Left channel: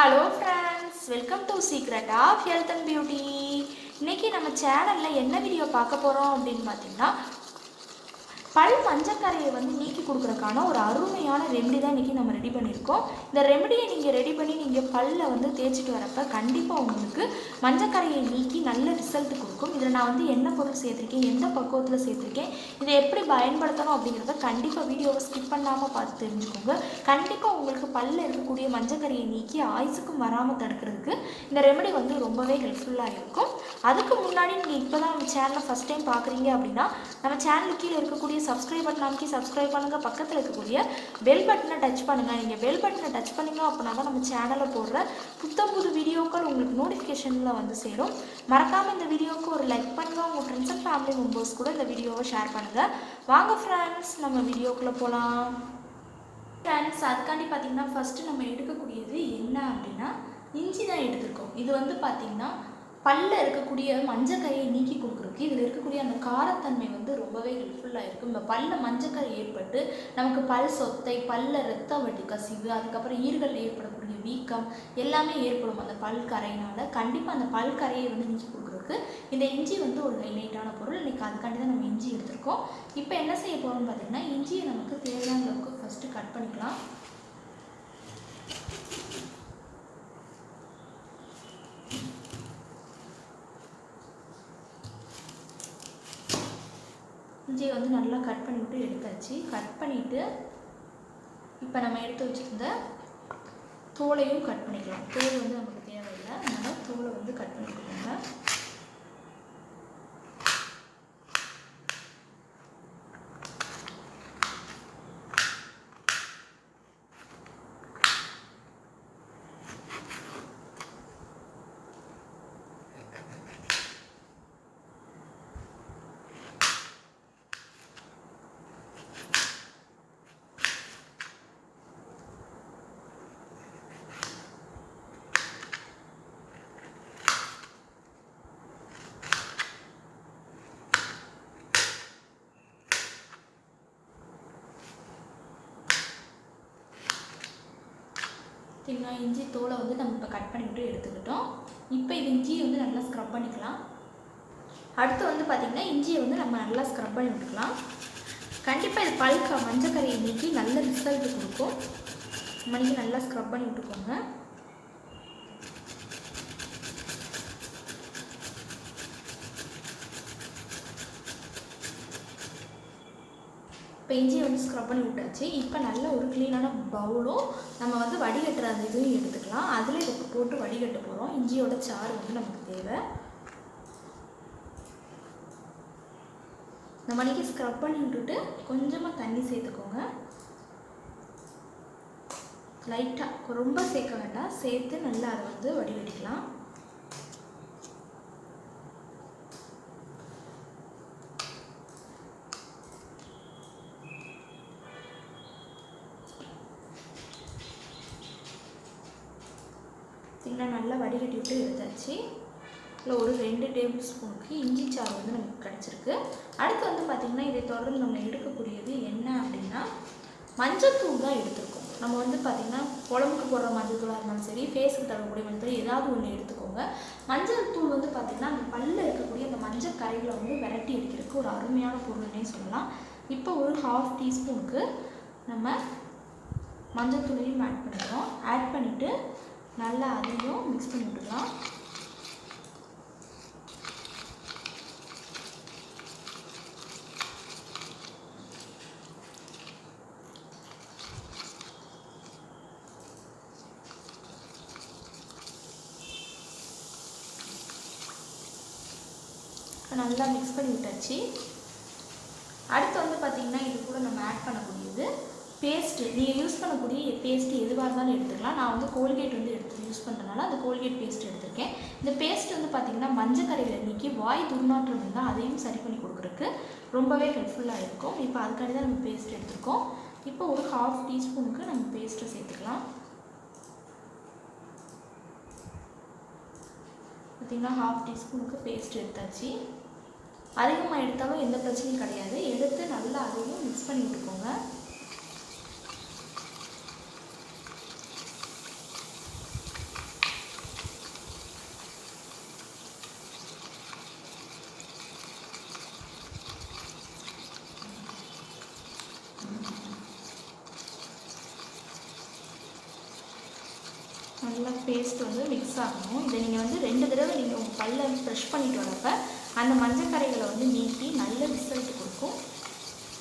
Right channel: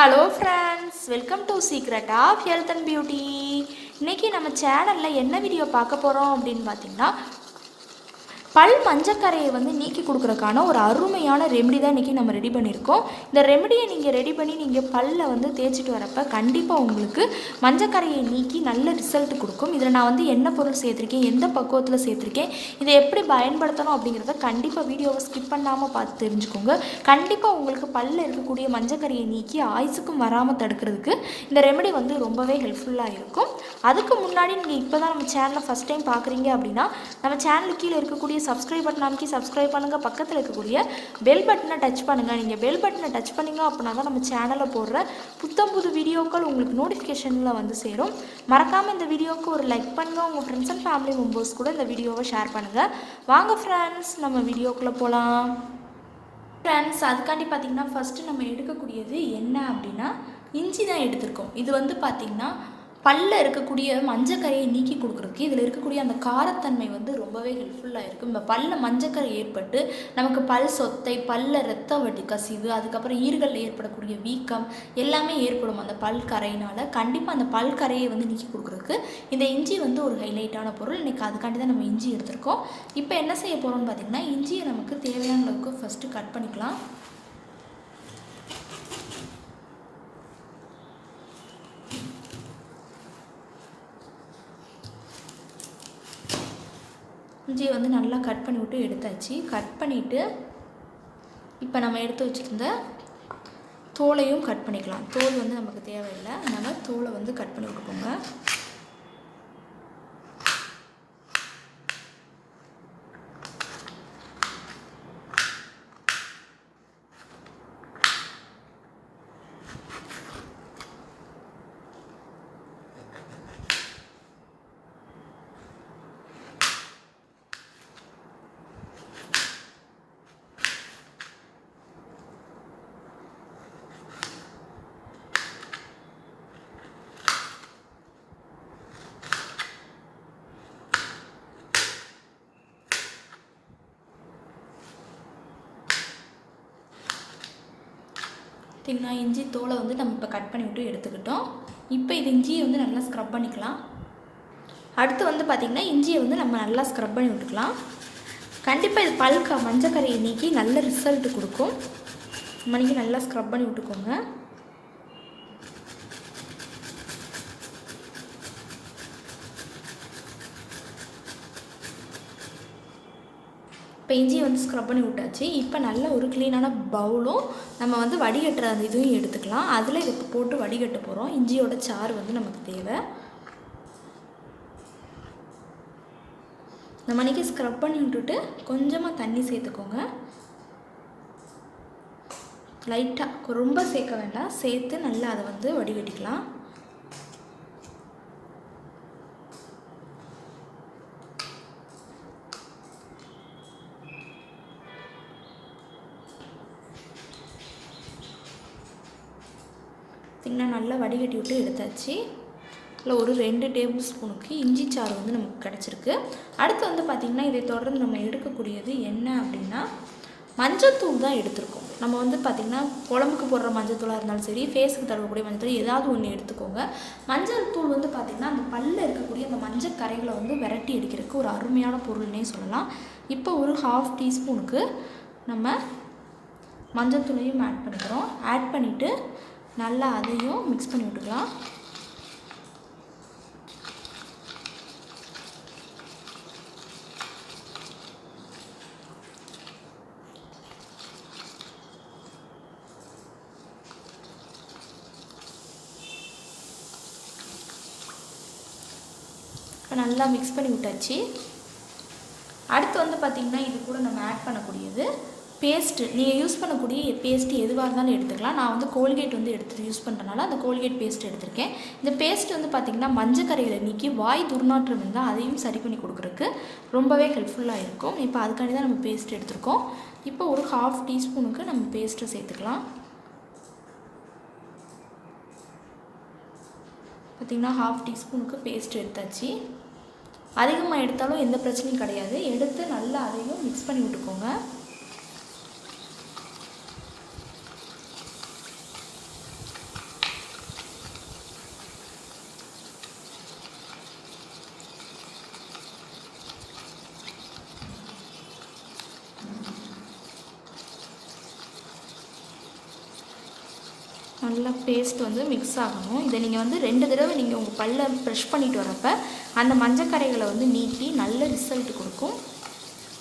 Hello friends, welcome to Secret of Health and Beauty. இன்றைக்கி நம்ம சேனலில் என்ன வீடியோ பார்க்க போகிறோம் அப்படின்னு பார்த்தீங்கன்னா, பல் மஞ்சக்கரையை நீக்கி கொடுக்குறக்கான ஒரு அருமையான ரெமெடி தான் இன்றைக்கி நம்ம ரெடி பண்ணியிருக்கோம். இந்த ரெமெடியை நீங்கள் ரெடி பண்ணி நீங்கள் பல்லில் தேய்ச்சிட்டு வரப்போ கண்டிப்பாக உங்களுக்கு மஞ்சக்கரையை நீக்கி நல்ல ரிசல்ட் கொடுக்கும். இதில் நான் என்ன பொருள் சேர்த்துருக்கேன், எந்த பக்குவத்தில் சேர்த்துருக்கேன், இதை எப்படி பயன்படுத்தணும் அப்படிங்கிறத கண்டிப்பாக வீடியோவை ஸ்கிப் பண்ணாமல் பார்த்து தெரிஞ்சுக்கோங்க. கண்டிப்பாக உங்களுக்கு பல்லில் இருக்கக்கூடிய மஞ்சக்கரையை நீக்கி ஆயுசுக்கும் வராமல் தடுக்கிறதுக்கு இந்த ரெமெடி ரொம்பவே ஹெல்ப்ஃபுல்லாக இருக்கும். அதுக்கு முன்னாடி நீங்கள் இப்போ தான் நம்ம சேனலை ஃபஸ்ட் டைம் பார்க்குறீங்க அப்படின்னா நம்ம சேனலுக்கு கீழே இருக்கக்கூடிய சப்ஸ்கிரைப் பட்டன் அமைக்கி சப்ஸ்கிரைப் பண்ணுங்கள். பக்கத்தில் இருக்கக்கூடிய பெல் பட்டனை டச் பண்ணுங்கள். நீங்கள் பெல் பட்டனை டச் பண்ணிங்க அப்படின்னா தான் நம்ம சேனலில் போடுற புது வீடியோக்கள் உங்களுக்கு நோட்டிஃபிகேஷனில் சேரும். மறக்காமல் இந்த வீடியோவுக்கு ஒரு லைக் பண்ணுங்கள். உங்கள் ஃப்ரெண்ட்ஸ் அண்ட் ஃபேமிலி மெம்பர்ஸ் கூட இந்த வீடியோவை ஷேர் பண்ணுங்கள். வாங்க ஃப்ரெண்ட்ஸ், நம்ம வீடியோக்குள்ளே போகலாம். ஃப்ரெண்ட்ஸ், அதுக்காண்டி பார்த்திங்கன்னா ஃபஸ்ட்டு நம்ம எடுக்கக்கூடியது என்ன அப்படின்னா இஞ்சி தான் எடுத்திருக்கோம். இது பார்த்திங்கன்னா பல்ல இருக்கக்கூடிய மஞ்சக்கரையை நீக்கி கொடுக்குறதுக்கு இதில் இருக்கக்கூடிய அந்த காரத்தன்மை ரொம்பவே ஹெல்ப்ஃபுல்லாக இருக்கும். இந்த பல்ல மஞ்சக்கரை ஏற்பட்டு நமக்கு பல் சொத்தை, பல்ல ரத்த வட்டி கசிவு, அதுக்கப்புறம் ஈறுகளில் ஏற்படக்கூடிய வீக்கம் எல்லாமே ஏற்படும் அந்த பல் கரையினால். கண்டிப்பாக அந்த பல் கரையை நீக்கி கொடுக்குறதுக்கு இந்த இஞ்சி ஒரு ஹைலைட்டான பொருள். இன்றைக்கி அதுக்காண்டி தான் நம்ம இஞ்சி எடுத்திருக்கோம். இப்போ என்ன செய்ய போகிறோம்னு பார்த்திங்கன்னா, இஞ்சியை நமக்கு தேவையான அளவுக்கு ஃபஸ்ட்டு கட் பண்ணிக்கலாம். இஞ்சியை நல்லா கட் பண்ணி விட்டு எடுத்தாச்சு. கட் பண்ணிவிட்டு இப்போ நம்ம எடுத்து வச்சுருந்த தோலையும் கட் பண்ணிக்கலாம். தோல் நமக்கு தேவையில்லை, அதனால் தோலை கட் பண்ணி விட்டுக்கோங்க. தின்னா இஞ்சி தோலை நம்ம இப்போ கட் பண்ணி விட்டு எடுத்துக்கிட்டோம். இப்போ இது இஞ்சியை நல்லா ஸ்க்ரப் பண்ணிக்கலாம். அடுத்து பார்த்திங்கன்னா இஞ்சியை நம்ம நல்லா ஸ்க்ரப் பண்ணி விட்டுக்கலாம். கண்டிப்பாக இது பல்கா மஞ்சக்கரையை நீக்கி நல்ல ரிசல்ட் கொடுக்கும். மணிக்கு நல்லா ஸ்க்ரப் பண்ணி விட்டுக்கோங்க. இப்போ இஞ்சியை ஸ்க்ரப் பண்ணி விட்டாச்சு. இப்போ நல்ல ஒரு க்ளீனான பவுலும் நம்ம வடிகட்டுற அந்த இதுவும் எடுத்துக்கலாம். அதில் இதை போட்டு வடிகட்ட போகிறோம். இஞ்சியோட சாறு நமக்கு தேவை. இந்த மணிக்கு ஸ்க்ரப் பண்ணி விட்டுட்டு கொஞ்சமாக தண்ணி சேர்த்துக்கோங்க. லைட்டாக, ரொம்ப சேர்க்க வேண்டாம், சேர்த்து நல்லா அதை வடிகட்டிக்கலாம். நல்லா வடிகட்டி விட்டு எடுத்தாச்சு. இல்லை ஒரு 2 டேபிள் ஸ்பூனுக்கு இஞ்சி சாறு நமக்கு கிடச்சிருக்கு. அடுத்து பார்த்திங்கன்னா இதை தொடர்ந்து நம்ம எடுக்கக்கூடியது என்ன அப்படின்னா மஞ்சத்தூள் தான் எடுத்துருக்கோம். நம்ம பார்த்திங்கன்னா குழம்புக்கு போடுற மஞ்சத்தூளாக இருந்தாலும் சரி, ஃபேஸுக்கு தடவக்கூடிய மஞ்சத்தூள் ஏதாவது ஒன்று எடுத்துக்கோங்க. மஞ்சள் தூள் பார்த்திங்கன்னா அந்த பல்லில் இருக்கக்கூடிய அந்த மஞ்சள் கரைகளை விரட்டி அடிக்கிறதுக்கு ஒரு அருமையான பொருள்னே சொல்லலாம். இப்போ ஒரு 1/2 டீஸ்பூனுக்கு நம்ம மஞ்சள் தூளையும் ஆட் பண்ணுறோம். ஆட் பண்ணிவிட்டு நல்லா அதையும் மிக்ஸ் பண்ணி விட்டுக்கலாம். இப்போ நல்லா மிக்ஸ் பண்ணி விட்டாச்சு. அடுத்து பார்த்திங்கன்னா இது கூட நம்ம ஆட் பண்ணக்கூடியது பேஸ்ட்டு. நீங்கள் யூஸ் பண்ணக்கூடிய பேஸ்ட்டு எதுவாக இருந்தாலும் எடுத்துக்கலாம். நான் கோல்கேட் எடுத்து யூஸ் பண்ணுறதுனால அந்த கோல்கேட் பேஸ்ட் எடுத்திருக்கேன். இந்த பேஸ்ட்டு பார்த்திங்கன்னா மஞ்சக்கரையில் நீக்கி வாய் துர்நாற்றம் இருந்தால் அதையும் சரி பண்ணி கொடுக்குறதுக்கு ரொம்பவே ஹெல்ப்ஃபுல்லாக இருக்கும். இப்போ அதுக்காண்டி தான் நம்ம பேஸ்ட் எடுத்திருக்கோம். இப்போ ஒரு 1/2 டீஸ்பூனுக்கு நம்ம பேஸ்ட்டை சேர்த்துக்கலாம். பார்த்திங்கன்னா 1/2 டீஸ்பூனுக்கு பேஸ்ட் எடுத்தாச்சு. அதிகமாக எடுத்தாலும் எந்த பிரச்சனையும் கிடையாது. எடுத்து நல்லா அதையும் மிக்ஸ் பண்ணி விட்டுக்கோங்க. நல்லா பேஸ்ட் வந்து மிக்ஸ் ஆகணும். இதை நீங்கள் வந்து 2 தடவை நீங்கள் உங்கள் பல்லை ப்ரெஷ் பண்ணிட்டு வரப்போ அந்த மஞ்சக்கரைகளை வந்து நீக்கி நல்ல ரிசல்ட் கொடுக்கும்.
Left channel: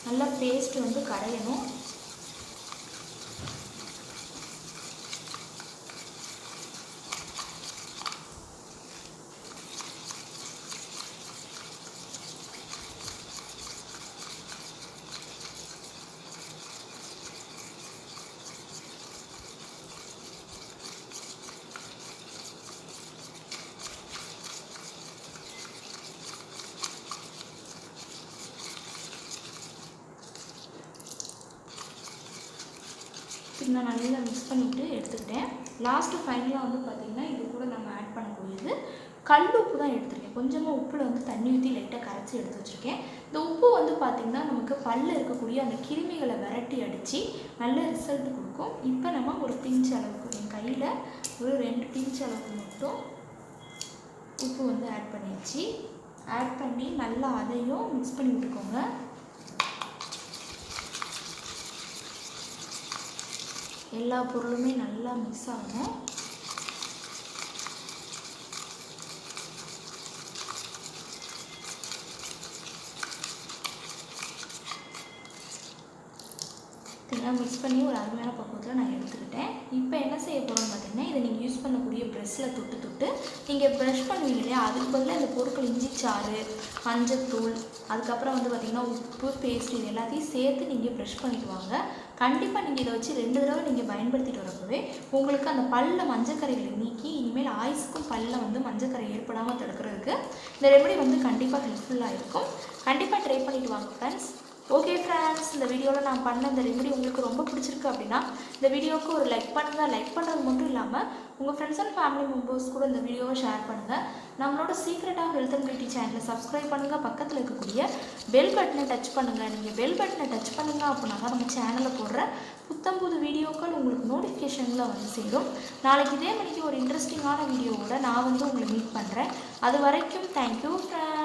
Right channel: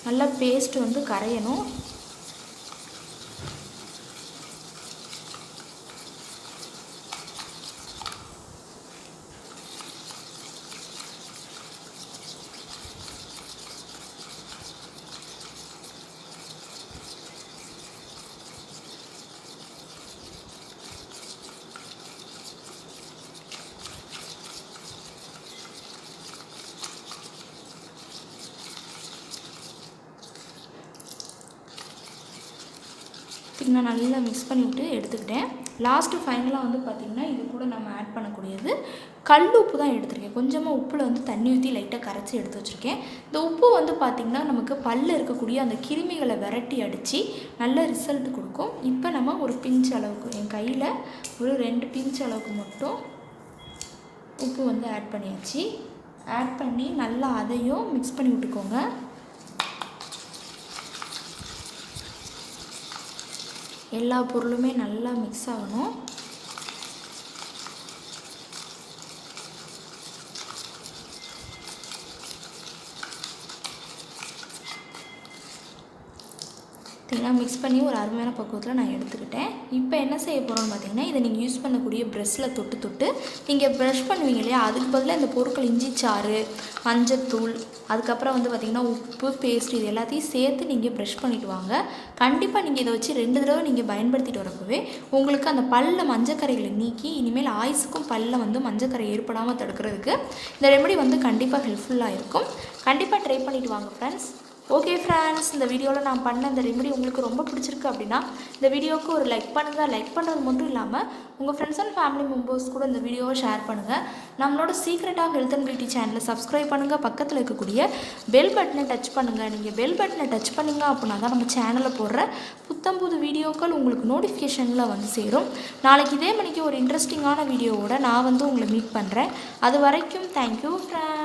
நல்லா பேஸ்ட் வந்து கரையணும். நான் நல்லா மிக்ஸ் பண்ணிவிட்டு எடுத்துக்கிட்டேன். லாஸ்ட்டு ஃபைனலாக வந்து பார்த்திங்கன்னா இது கூட நம்ம ஆட் பண்ணக்கூடியது கல் உப்பு தான் எடுத்துருக்கேன். கொஞ்சமாக உப்பில் வந்து தண்ணி ஊற்றி லைட்டாக கரைச்சி எடுத்து வச்சுருக்கேன். இந்த உப்பு வந்து பார்த்திங்கன்னா நமக்கு பல்லில் இருக்கக்கூடிய அந்த கிருமிகளை விரட்டி அடித்து நல்ல ரிசல்ட் கொடுக்கும். இப்போ நம்ம ஒரு பிஞ்ச் அளவுக்கு என் கையில் ஒரு 2 பிஞ்ச் அளவுக்கு மட்டும் உப்பு வந்து ஆட் பண்ணியாச்சு. ஆட் பண்ணி நல்லா அதையும் மிக்ஸ் பண்ணி விட்டுக்கோங்க. எல்லா பொருளுமே நல்லா மிக்ஸ் ஆகணும். இதெல்லாம் மிக்ஸ் பண்ணி ஒரு அருமையான பக்குவத்தில் நான் எடுத்துக்கிட்டேன். இப்போ என்ன செய்ய போகிறோம்னு பார்த்தீங்கன்னா, இதை நீங்கள் யூஸ் பண்ணக்கூடிய ப்ரெஷ்ஷில் தொட்டு நீங்கள் ப்ரஷ் பண்ணுவீங்க இல்லையா, அதுக்கு பதிலாக இந்த பொருட்கள் இஞ்சி சாறு, மஞ்சத்தூள், அதுக்கப்புறம் வந்து பார்த்திங்கன்னா உப்பு, பேஸ்ட் இது எல்லாத்தையும் சேர்த்து நீங்கள் ப்ரஷ் பண்ணிட்டு வாங்க. கண்டிப்பாக நீங்கள் இதை வச்சு 2 தடவை நீங்கள் பயன்படுத்திட்டு வரப்பவே உங்களுக்கு அந்த பல்லில் மஞ்சக்கரைகளை நீக்கி இனிமேல் ஆயுசுக்கும் பல்லில் வந்து மஞ்சக்கரை ஏற்படாமல் தடுக்கிறதுக்கு இந்த ரெமெடி வந்து கண்டிப்பாக ஹெல்ப்ஃபுல்லாக இருக்கும். கண்டிப்பாக ட்ரை பண்ணிவிட்டு வாங்க ஃப்ரெண்ட்ஸ். ஓகே ஃப்ரெண்ட்ஸ், இந்த வீடியோவில் நான் பண்ண இந்த ரெமெடி உங்களுக்கு ரொம்ப பிடிச்சிருக்கு அப்படின்னா இந்த வீடியோவுக்கு ஒரு லைக் பண்ணுங்கள். லைக் பண்ணுறது மட்டும் இல்லாமல் உங்கள் ஃப்ரெண்ட்ஸ் அண்ட் ஃபேமிலி மெம்பர்ஸ் கூட இந்த வீடியோவை ஷேர் பண்ணுங்கள். நம்மளோட Secret of Health and Beauty சேனலை சப்ஸ்கிரைப் பண்ணுங்கள். பக்கத்தில் இருக்கக்கூடிய பெல் பட்டனை டச் பண்ணுங்கள். நீங்கள் பெல் பட்டனை டச் பண்ணுங்கள் அப்படின்னா தான் நம்ம சேனலில் போடுற புத்தம்புது வீடியோக்கள் உங்களுக்கு நோட்டிஃபிகேஷனில் வந்து சேரும். நாளைக்கு இதே மணிக்கு ஒரு இன்ட்ரெஸ்டிங்கான வீடியோவோட நான் வந்து உங்களை மீட் பண்ணுறேன். அது வரைக்கும் தேங்க்யூ ஃப்ரெண்ட்ஸ்.